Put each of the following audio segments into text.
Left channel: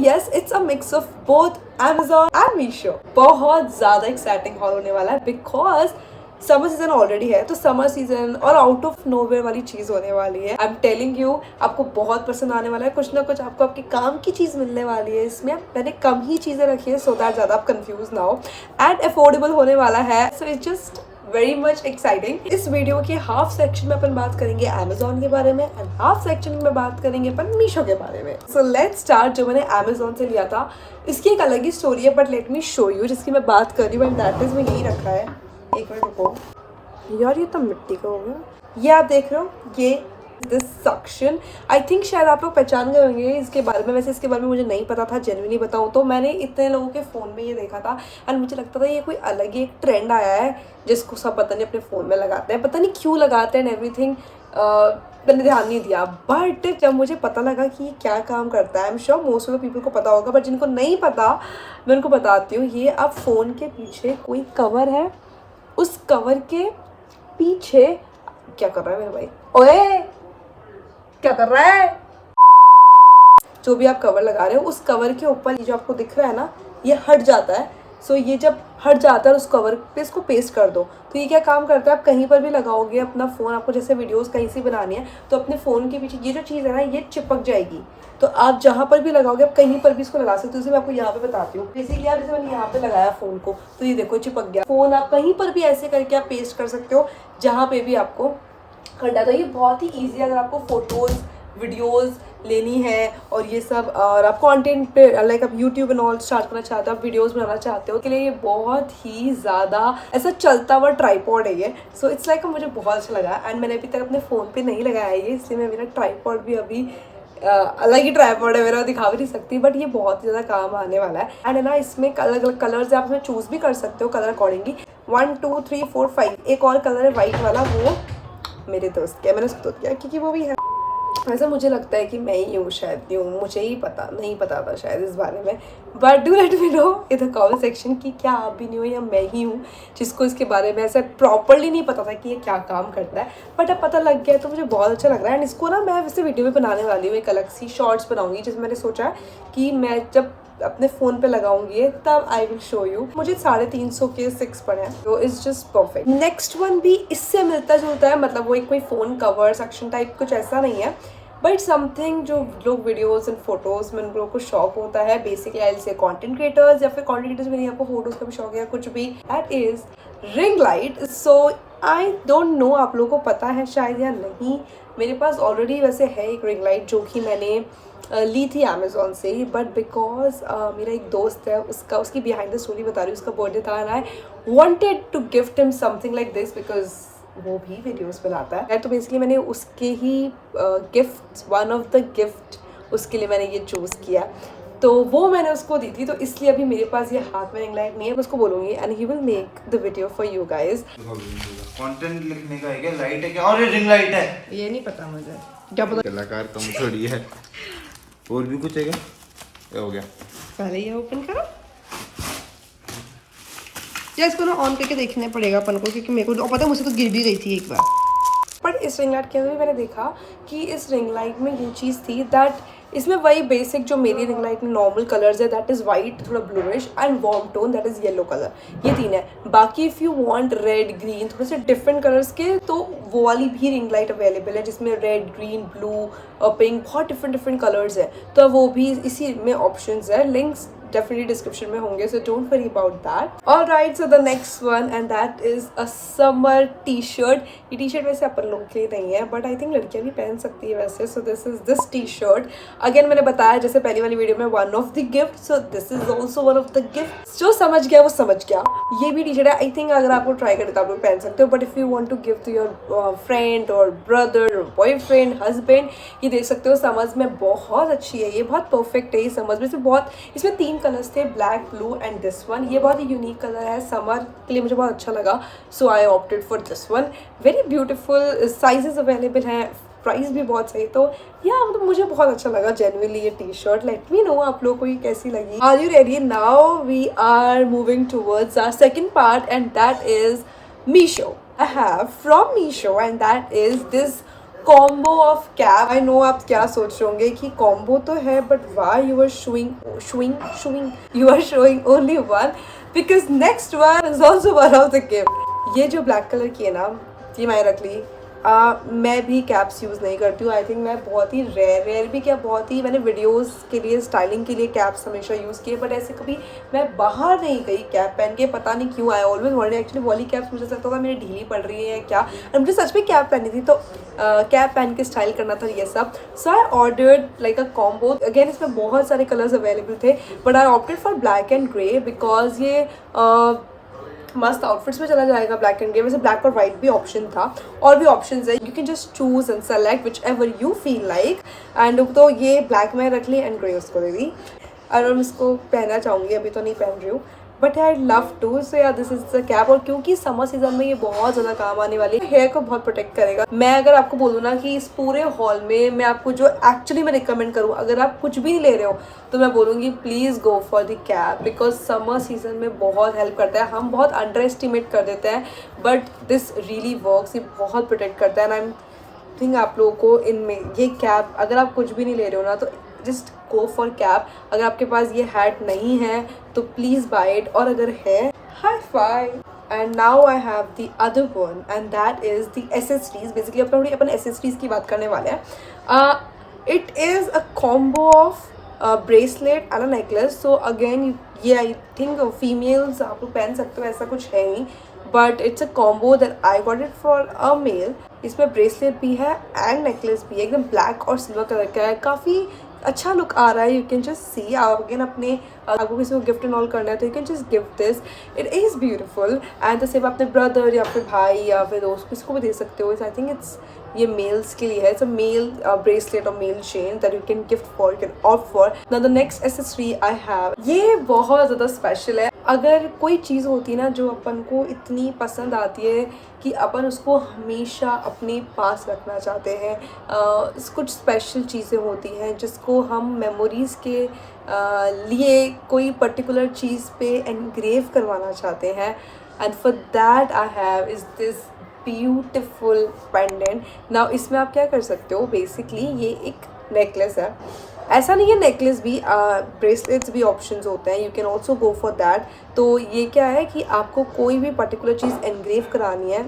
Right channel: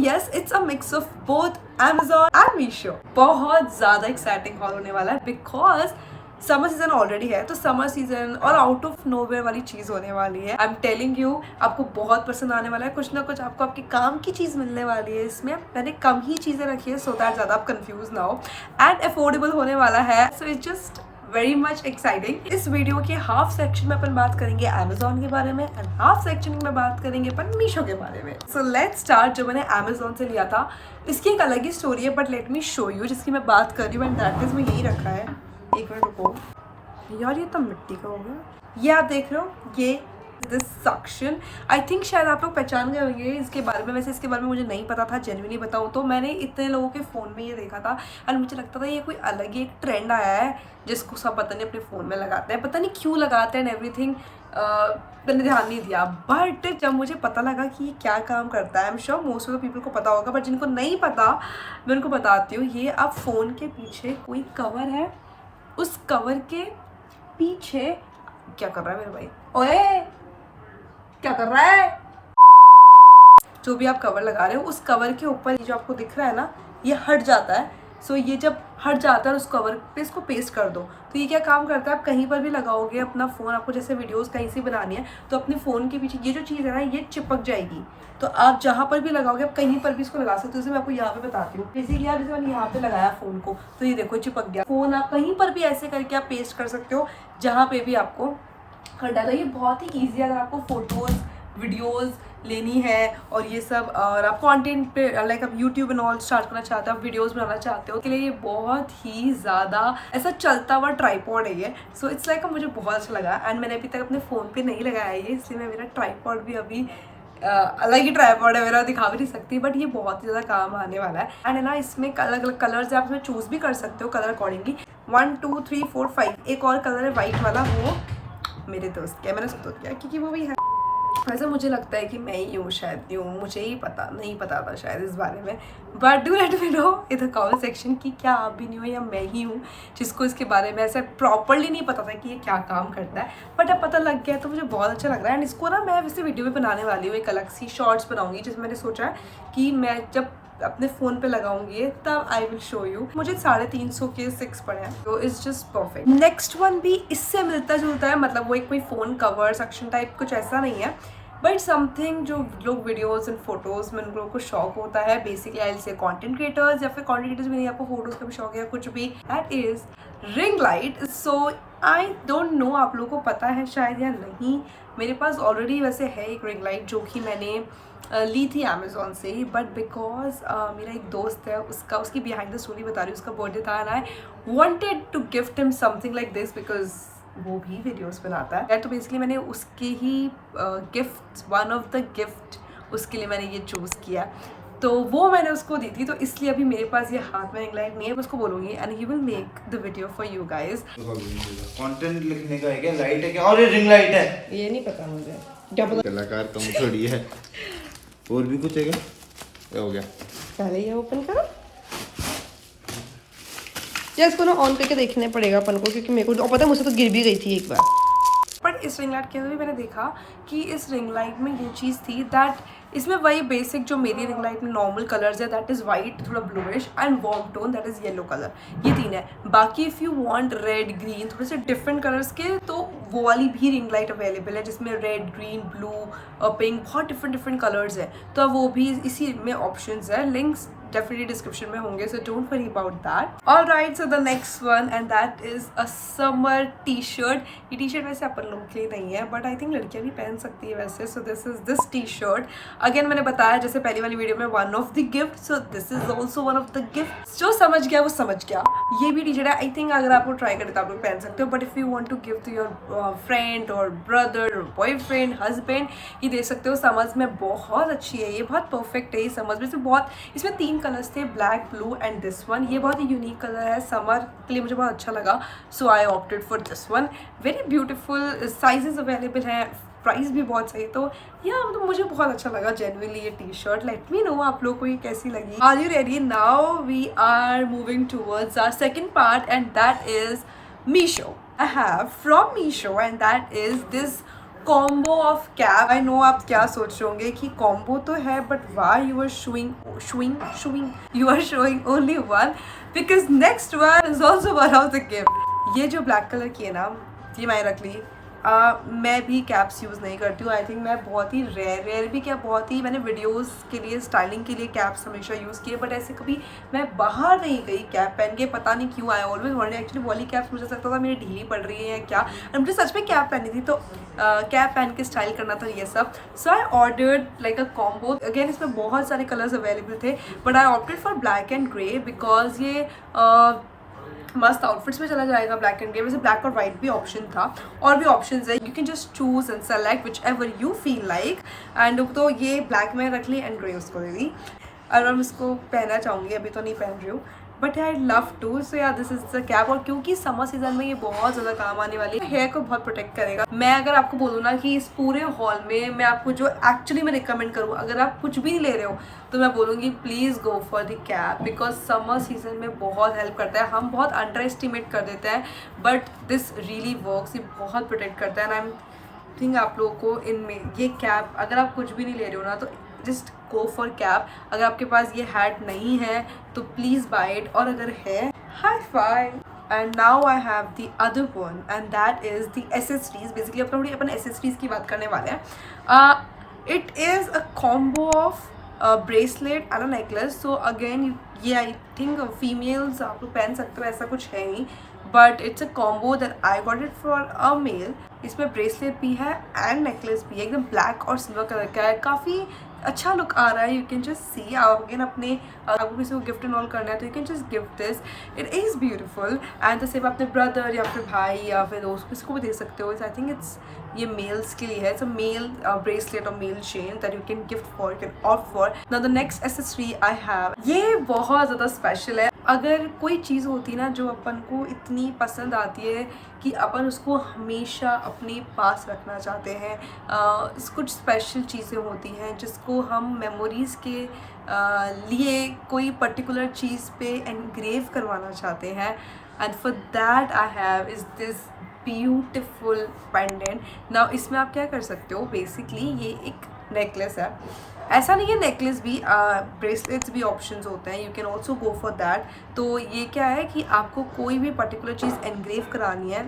yes, it's a mix of both Amazon and Meesho. बहुत ज़्यादा exciting hall होने वाला है बिकॉज समर सीजन ऑलरेडी है, तो समर सीजन और आउट ऑफ नोवेयर वाली चीज़ होने वाली है। आई एम टेलिंग यू, आपको बहुत पसंद आने वाला है। कुछ ना कुछ आपको आपके काम की चीज़ मिलने वाली है इसमें। मैंने कम ही चीज़ें रखी है सो दैट ज़्यादा आप कंफ्यूज ना हो, एंड अफोर्डेबल होने वाला है। So it's just very much exciting. इस वीडियो के हाफ सेक्शन में अपन बात करेंगे अमेजोन के बारे में एंड हाफ सेक्शन में बात करेंगे अपन मीशो के बारे में। So let's start. जो मैंने अमेजोन से लिया था इसकी एक अलग ही स्टोरी है, but let me show you जिसकी मैं बात कर रही हूँ, एंड दैट इज मैं यही रखा है। एक मिनट रुको यार, ये तो मिट्टी का हो गया। ये आप देख रहे हो, ये दिस सक्शन, आई थिंक शायद आप लोग पहचान गए होंगे इसके बारे में। वैसे इसके बारे में मुझे नहीं पता था, जेन्युइनली बताऊँ तो। मैंने इतने लोगों के फ़ोन में ये देखा था एंड मुझे लगता था ये कोई अलग ही एक ट्रेंड आया है जिसको सब पता नहीं अपने फ़ोन में लगाते हैं, पता नहीं क्यों लगाते हैं एंड एवरीथिंग। मैंने ध्यान नहीं दिया, बट जब मुझे पता लगा कि ये क्या काम करता है, I am sure most of the people को पता होगा, बट जिनको नहीं पता मैं उनको बताती हूँ। ये आप फ़ोन के पीछे कोई कवर है, उस कवर के पीछे क्या कर रहा है मेरे भाई? ओए क्या कर रहा है? जो भी आप कवर लगा रहे हो, उस कवर के ऊपर ये जो आपको दिख रहा है ना, ये हट जाता है। सो ये जब हट जाता है उस कवर पे इसको पेस्ट कर दो, तो ये क्या काम करता है, आप कहीं पर भी लगाओगे अपना फ़ोन, आपको जैसे वीडियोस कहीं से बनानी है तो अपने फ़ोन के पीछे ये जो चीज़ है ना, ये चिपक जाएगी। तो आप जहाँ पर भी लगाओगे, आप कहीं पर भी इसको लगा सकते हो। जैसे मैं आपको यहाँ पे बताती हूँ, बेसिकली आप जैसे मैंने यहाँ पे लगाया फ़ोन को, तो ये देखो चिपक गया। फ़ोन आप कहीं पर भी ऐसे करके आप पेस्ट कर सकते हो जहाँ पे भी आपको करना। तो ये बहुत ही ईजी है अगर आपको फोटोज़ वीडियोज़ लेनी है और ये सब, और आप कंटेंट पे लाइक आप यूट्यूब एंड ऑल स्टार्ट करना चाहते हो, आप वीडियोस बनाना चाहते हो, के लिए ये बहुत ही ज़्यादा ऐसा चलता हुआ ट्राईपॉड है ये। सो इट्स लाइक मुझे बहुत अच्छा लगा, एंड मैंने अभी तक अपने फ़ोन पे नहीं लगाया ये, इसलिए मैं मेरा ट्राईपॉड भी अभी अलग ही ट्राईपॉड है मेरा, दिखा भी नहीं सकती, बट ये बहुत ही ज़्यादा काम आने वाला है। एंड है ना, इसमें अलग अलग कलर्स आप इसमें चूज़ भी कर सकते हो कलर अकॉर्डिंगली। 1 2 3 4 5 एक और कलर है वाइट वाला, वो मेरे दोस्त क्या, मैंने उसको किया क्योंकि वो भी है। ऐसा मुझे लगता है कि मैं ही हूँ शायद, मुझे ही पता नहीं पता था शायद इस बारे में, but do let me no in the comment section कि क्या आप भी नहीं हो या मैं ही हूँ जिसको इसके बारे में ऐसे प्रॉपरली नहीं पता था कि ये क्या काम करता है, बट अब पता लग गया तो मुझे बहुत अच्छा लग रहा है। एंड इसको ना मैं वैसे वीडियो भी बनाने वाली हूँ, एक अलग सी शॉर्ट्स बनाऊंगी जिसमें मैंने सोचा है कि मैं जब अपने फ़ोन पे लगाऊंगी तब आई विल शो यू। मुझे 350 के 6 पड़े हैं, तो it's just perfect. Next one भी इससे मिलता जुलता है, मतलब वो एक कोई फ़ोन कवर सेक्शन टाइप कुछ ऐसा नहीं है, बट समथिंग जो लोग वीडियोस एंड फोटोज़ में उन लोगों को शौक होता है, basically I will say content creators, या फिर कंटेंट क्रिएटर्स भी नहीं, आपको फोटोज़ का भी शौक है कुछ भी, that is ring light. So I don't know आप लोगों को पता है शायद या नहीं, मेरे पास ऑलरेडी वैसे है एक रिंग लाइट जो कि मैंने ली थी अमेजोन से ही, बट बिकॉज मेरा एक दोस्त है, उसकी बिहाइंड द स्टोरी बता रही हूँ, उसका बर्थडे था and I wanted to gift him something like this because वो भी वीडियोस बनाता है। तो बेसिकली मैंने उसके ही gift, one of the gift उसके लिए मैंने ये चूज़ किया, तो वो मैंने उसको दी थी, तो इसलिए अभी मेरे पास ये हाथ में रिंग लाइट नहीं है। मैं उसको बोलूँगी and he will make the video for you guys. Content लिखने का है क्या, लाइट है क्या, और ये रिंग लाइट है, ये नहीं पता मुझे, क्या पता कलाकार कम थोड़ी है। और भी कुछ है क्या, ये हो गया, पहले ये ओपन करो या इसको ना ऑन करके देखने पड़ेगा अपन को, क्योंकि मेरे को पता है मुझसे तो गिर भी गई थी एक बार। बट इस रिंग लाइट के अंदर भी मैंने देखा कि इस रिंग लाइट में ये चीज़ थी दैट इसमें वही बेसिक जो मेरी रिंग लाइट में नॉर्मल कलर्स है, दैट इज़ वाइट, थोड़ा bluish and warm tone, that is yellow colour, ये 3 है। बाकी if you want red green थोड़े से डिफरेंट कलर्स के, तो वो वाली भी रिंग लाइट अवेलेबल है जिसमें रेड ग्रीन ब्लू और पिंक बहुत डिफरेंट कलर्स है, तो वो भी इसी में ऑप्शंस है। लिंक्स definitely डिस्क्रिप्शन में होंगे, so don't worry about that. Alright, so the next one and that is a summer t-shirt. ये t-shirt वैसे अपन लोगों के लिए नहीं है, but I think लड़कियां भी पहन सकती है वैसे। So this is this t-shirt. Again मैंने बताया जैसे पहली वाली वीडियो में one of the gifts, so this is also one of the gifts. जो समझ गया वो समझ गया। ये भी t-shirt है, I think अगर आपको ट्राई करें तो आप लोग पहन सकते हो, but if you want to give to your friend or brother or boyfriend, husband, ये देख सकते हो। समझ में बहुत अच्छी है, ये बहुत परफेक्ट है। ये समझ में से बहुत, इसमें 3 कलर्स थे, black, blue and this one. ये बहुत ही यूनिक कलर है, समर के लिए मुझे बहुत अच्छा लगा, so I opted for this one. Very beautiful, sizes available हैं, प्राइस भी बहुत सही, तो या मतलब मुझे बहुत अच्छा लगा जेन्युइनली ये T shirt. Let me know आप लोगों को ये कैसी लगी। Are you ready? Now we are moving towards our second part and that is Meesho. I have from Meesho and that is this combo of cap. I know आप क्या सोच रहे होंगे कि कॉम्बो तो है but why you are showing you are showing only one, because next one is also one of the gift. ये जो ब्लैक कलर की है ना, ये मैंने रख ली। मैं भी कैप्स यूज़ नहीं करती हूँ। आई थिंक मैं बहुत ही रेयर भी क्या, बहुत ही मैंने वीडियोस के लिए स्टाइलिंग के लिए कैप्स हमेशा यूज़ किए, बट ऐसे कभी मैं बाहर नहीं गई कैप पहन के। पता नहीं क्यों, आई ऑलवेज वॉन्टेड एक्चुअली वाली कैप्स, मुझे लगता था मेरी ढीली पड़ रही है क्या, और मुझे सच में कैप पहनी थी, तो कैप पहन के स्टाइल करना था ये सब। So I ordered like a combo. Again इसमें बहुत सारे कलर्स अवेलेबल थे, but I opted for black and grey because ये मस्त आउटफिट्स में चला जाएगा ब्लैक एंड ग्रे। वैसे ब्लैक और वाइट भी ऑप्शन था, और भी ऑप्शंस है, you can just choose and select whichever you feel like. And तो ये ब्लैक में रख ली एंड ग्रे उसको दे दी, और मैं इसको पहनना चाहूँगी, अभी तो नहीं पहन रही हूँ, बट आई लव टू। सो या दिस इज द कैप। और क्योंकि समर सीजन में ये बहुत ज़्यादा काम आने वाली है, हेयर को बहुत प्रोटेक्ट करेगा। मैं अगर आपको बोलूँ ना कि इस पूरे हॉल में मैं आपको जो एक्चुअली मैं रिकमेंड करूँ, अगर आप कुछ भी नहीं ले रहे हो तो मैं बोलूँगी please go for the cap, because summer season में बहुत हेल्प करता है। हम बहुत अंडर एस्टिमेट कर देते हैं, बट दिस रियली वर्क्स। ये बहुत प्रोटेक्ट करता है। एंड आई एम थिंक आप लोगों को इनमें ये कैप, अगर आप कुछ भी नहीं ले रहे हो ना, तो जस्ट गो फॉर कैप। अगर आपके पास ये हैट नहीं है तो प्लीज़ बाय इट, और अगर है, hi fi. And now I have the other one, and that is the accessories. Basically upon accessories की बात करने वाले हैं। It is a combo of bracelet and a necklace. So again ये I think females आप लोग पहन सकते हो, ऐसा कुछ है नहीं, but it's a combo that I got it for a male. इसमें ब्रेसलेट भी है एंड नेकलेस भी है, एकदम ब्लैक और सिल्वर कलर का है, काफ़ी अच्छा लुक आ रहा है। यू कैन जस्ट सी, आप अगेन अपने आपको किसी को गिफ्ट एंड ऑल करना है तो you can just gift this, it is beautiful. And तो सिर्फ अपने ब्रदर या फिर भाई या फिर दोस्त किसी को भी दे सकते हो। आई थिंक इट्स ये मेल्स के लिए है। इट्स अ मेल ब्रेसलेट और male chain that you can gift for, you can opt for. Now the next accessory I have, ये बहुत ज़्यादा स्पेशल है। अगर कोई चीज़ होती है ना जो अपन को इतनी पसंद आती है कि अपन उसको हमेशा अपने पास रखना चाहते हैं, कुछ स्पेशल चीज़ें होती हैं जिसको हम मेमोरीज़ के लिए कोई पर्टिकुलर चीज़ पे एनग्रेव करवाना चाहते हैं, and for that I have is this beautiful pendant. Now इसमें आप क्या कर सकते हो, बेसिकली ये एक नेकलेस है, ऐसा नहीं है, नेकलेस भी, ब्रेसलेट्स भी ऑप्शंस होते हैं, you can also go for that. तो ये क्या है कि आपको कोई भी पर्टिकुलर चीज़ एनग्रेव करानी है,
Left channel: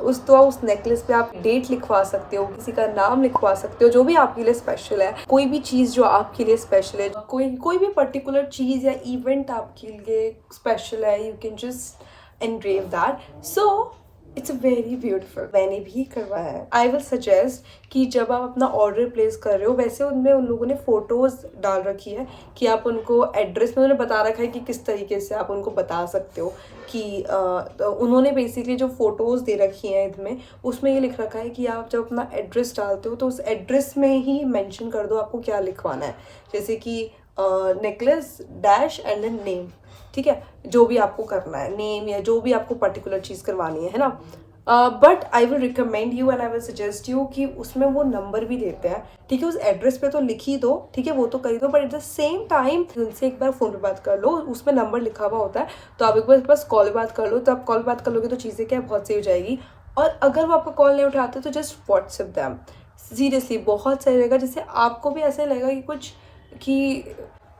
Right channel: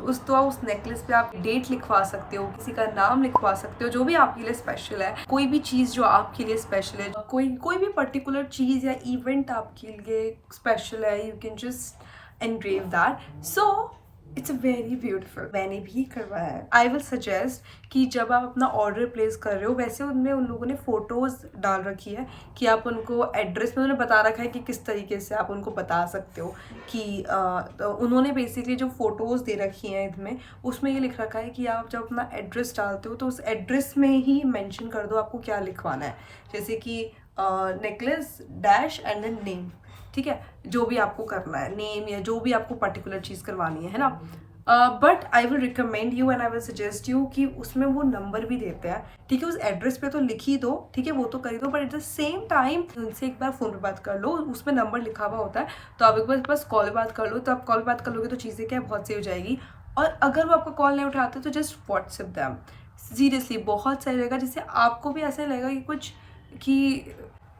उस नेकलेस पे आप डेट लिखवा सकते हो, किसी का नाम लिखवा सकते हो, जो भी आपके लिए स्पेशल है, कोई भी चीज़ जो आपके लिए स्पेशल है, कोई भी पर्टिकुलर चीज़ या इवेंट आपके लिए स्पेशल है, you can just engrave that. So it's very beautiful. मैंने भी करवाया है। आई विल सजेस्ट कि जब आप अपना ऑर्डर प्लेस कर रहे हो, वैसे उनमें उन लोगों ने फ़ोटोज़ डाल रखी है कि आप उनको एड्रेस में, उन्होंने बता रखा है कि किस तरीके से आप उनको बता सकते हो कि तो उन्होंने बेसिकली जो फ़ोटोज़ दे रखी हैं इसमें, उसमें ये लिख रखा है कि आप जब अपना एड्रेस डालते हो तो उस एड्रेस में ही मेंशन कर दो आपको क्या लिखवाना है, जैसे कि necklace dash and then name, ठीक है, जो भी आपको करना है, नेम या जो भी आपको पर्टिकुलर चीज़ करवानी है ना। But I will recommend you and I will suggest you कि उसमें वो नंबर भी देते हैं, ठीक है, उस एड्रेस पे तो लिख ही दो, ठीक है, वो तो कर ही दो, but at the same time उनसे एक बार फ़ोन पे बात कर लो, उसमें नंबर लिखा हुआ होता है, तो आप एक बार बस कॉल पे बात कर लो। तो आप कॉल बात कर लोगे तो चीज़ें क्या बहुत सही हो जाएगी। और अगर वो आपका कॉल नहीं उठाते तो जस्ट व्हाट्सएप दैम, सीरियसली बहुत सही रहेगा, जिससे आपको भी ऐसा लगेगा कि कुछ कि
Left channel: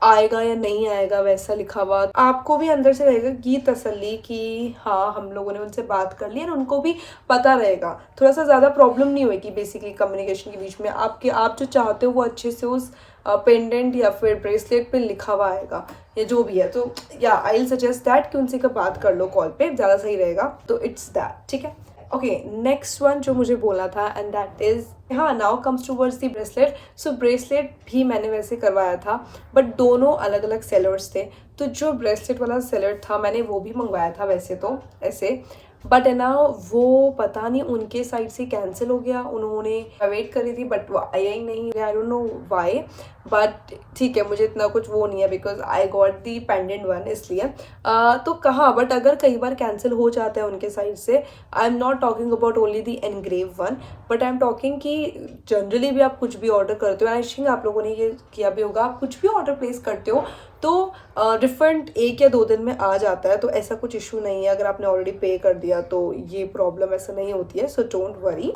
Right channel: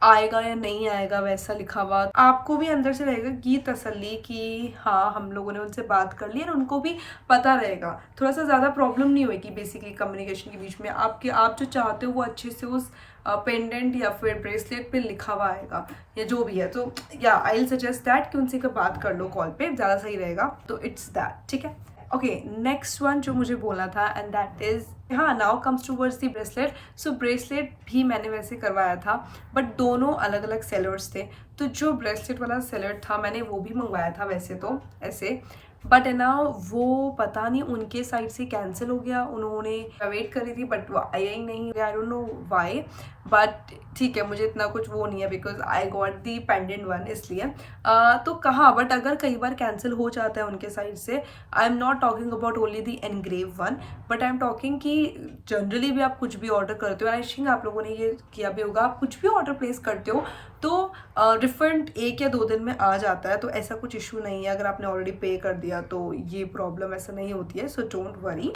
आएगा या नहीं आएगा वैसा लिखा हुआ, आपको भी अंदर से रहेगा कि तसल्ली कि हाँ हम लोगों ने उनसे बात कर ली, और उनको भी पता रहेगा, थोड़ा सा ज़्यादा प्रॉब्लम नहीं होगी बेसिकली कम्युनिकेशन के बीच में। आप जो चाहते हो वो अच्छे से उस पेंडेंट या फिर ब्रेसलेट पे लिखा हुआ आएगा या जो भी है। तो या आई विल सजेस्ट दैट कि उनसे का बात कर लो कॉल पे, ज़्यादा सही रहेगा। तो इट्स दैट, ठीक है। ओके, नेक्स्ट वन जो मुझे बोलना था, एंड दैट इज़, हाँ, now comes towards the bracelet. So bracelet भी मैंने वैसे करवाया था, बट दोनों अलग अलग सेलर्स थे। तो जो ब्रेसलेट वाला सेलर था मैंने वो भी मंगवाया था वैसे तो ऐसे, बट है ना वो पता नहीं उनके साइड से कैंसिल हो गया। उन्होंने वेट करी थी बट वो आया ही नहीं, I don't know why, but ठीक है, मुझे इतना कुछ वो नहीं है because I got the pendant one, इसलिए तो कहाँ, बट अगर कई बार कैंसिल हो जाता है उनके साइड से, I am not talking about only the engrave one, but I am talking कि जनरली भी आप कुछ भी ऑर्डर करते हो, आई थिंक आप लोगों ने ये किया भी होगा, आप कुछ भी ऑर्डर प्लेस करते हो तो रिफंड 1 या 2 दिन में आ जाता है, तो ऐसा कुछ इशू नहीं है। अगर आपने ऑलरेडी पे कर दिया तो ये प्रॉब्लम ऐसा नहीं होती है, so don't worry.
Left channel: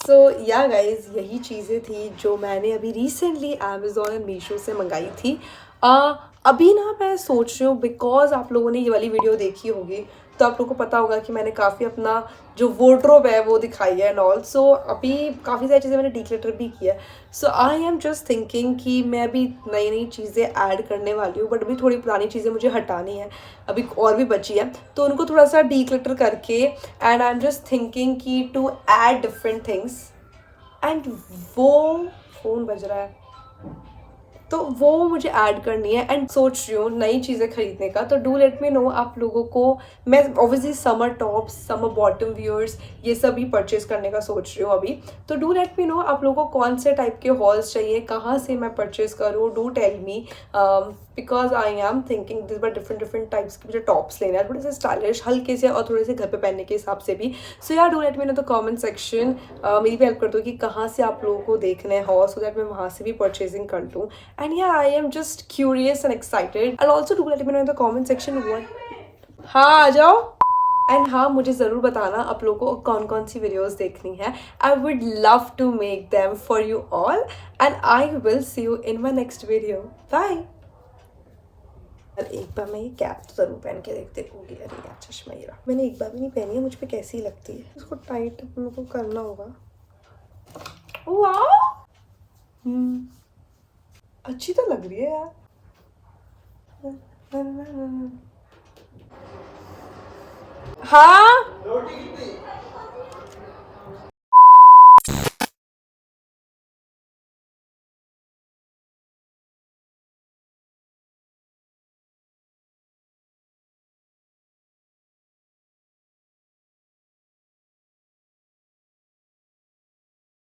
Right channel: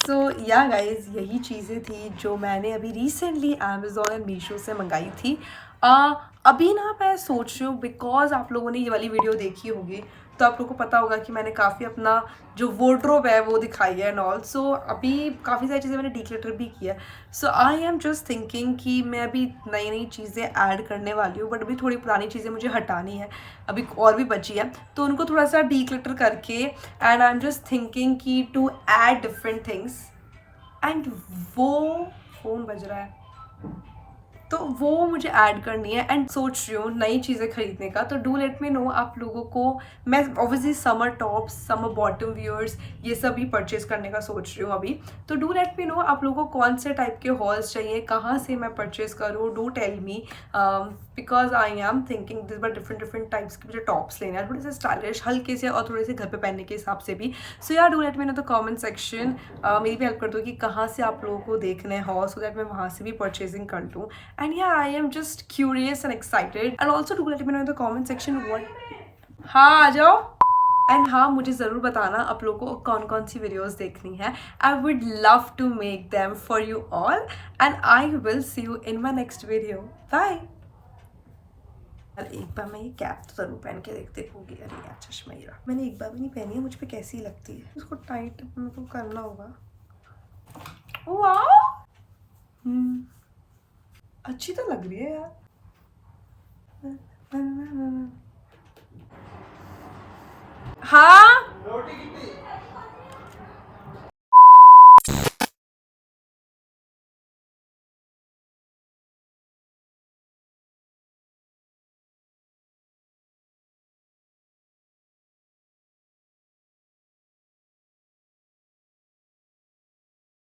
So yeah guys, यही चीज़ें थी जो मैंने अभी रिसेंटली अमेजोन एंड मीशो से मंगाई थी। अभी ना मैं सोच रही हूँ, बिकॉज आप लोगों ने ये वाली वीडियो देखी होगी तो आप लोगों को पता होगा कि मैंने काफ़ी अपना जो वार्डरोब है वो दिखाई है एंड ऑल। सो अभी काफ़ी सारी चीज़ें मैंने डिक्लटर भी किया है। सो आई एम जस्ट थिंकिंग कि मैं अभी नई नई चीज़ें ऐड करने वाली हूँ, बट अभी थोड़ी पुरानी चीज़ें मुझे हटानी है, अभी और भी बची है, तो उनको थोड़ा सा डिक्लटर करके and I am just thinking कि to add different things. And वो फ़ोन बज रहा है तो वो मुझे ऐड करनी है एंड सोच रही हूँ नई चीज़ें खरीदने का। तो डू लेट मी नो आप लोगों को। मैं obviously summer tops, summer bottom wears, ये सब भी परचेज करने का सोच रही हूँ अभी। तो डू लेट मी नो आप लोगों को कौन से टाइप के हॉल्स चाहिए, कहाँ से मैं परचेज करूँ। Do tell me, because I am thinking this बार डिफरेंट टाइप्स के मुझे टॉप्स लेने हैं, थोड़े से स्टाइलिश हल्के से और थोड़े से घर पे पहनने के हिसाब से भी। सो यार do let me know the comment section, मेरी भी हेल्प कर दो कि कहाँ से आप लोगों को देखने हैं हॉल, सो दैट मैं वहाँ से भी परचेजिंग कर लूँ। And yeah, I am just curious and excited. And also do let me know in the comment section what. हाँ आ जाओ। एंड हाँ, मुझे ज़रूर बताना आप लोगों को कौन कौन सी वीडियोस देखनी है। I would love to make them for you all and I will see you in my next video. Bye. एक बार मैं ये कैप तो ज़रूर पहन के देखूंगी। अरे यार चश्मा ये रहा, मैंने एक बार भी नहीं पहनी है, मुझ पर कैसी लगती है। इसको टाइट मेरे को करना होगा। वाह, अच्छी तो लग रही है यार। हाँ